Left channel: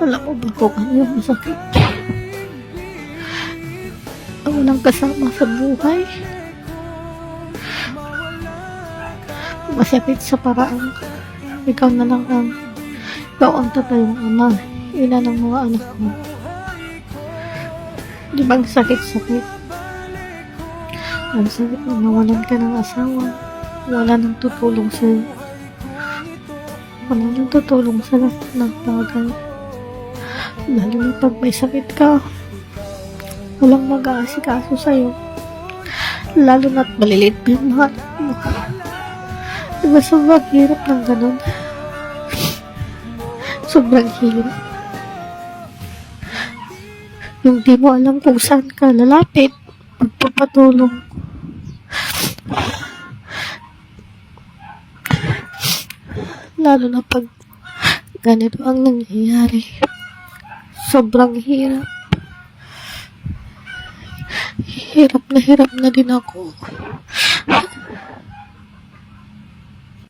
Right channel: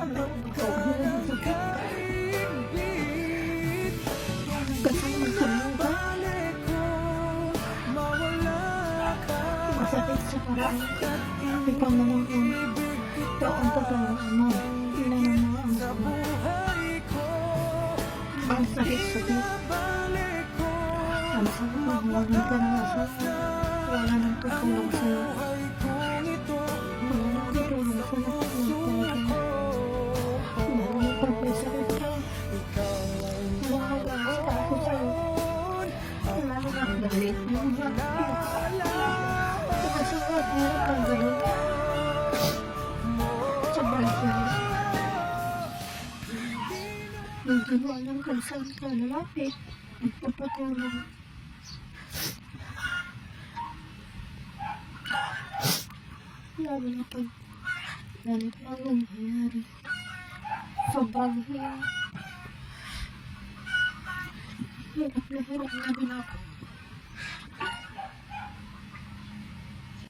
Alam mo ba kung ano yung masakit? Ang walang kasama sa buhay. Masakit sa paraan. Ikaw ang totoong ama. Ina ng mga anak mo. Di ba ang sakit-sakit? Ang sakit na nawalan ka ng asawa. Wala nang tutulong sa'yo. Wala nang tutulong sa lahat ng bagay. Lalo na pag may sakit ka, walang mag-aasikaso sa'yo. Lalo na't malilit pa yung mga anak mo. Diba sobrang hirap ng ganun? Sobrang hirap. Yung di mo alam kung saan ka lalapit, magpapatulong. Lalo na pag ganito ang nangyayari. Sobrang hirap. Hirap na din ako.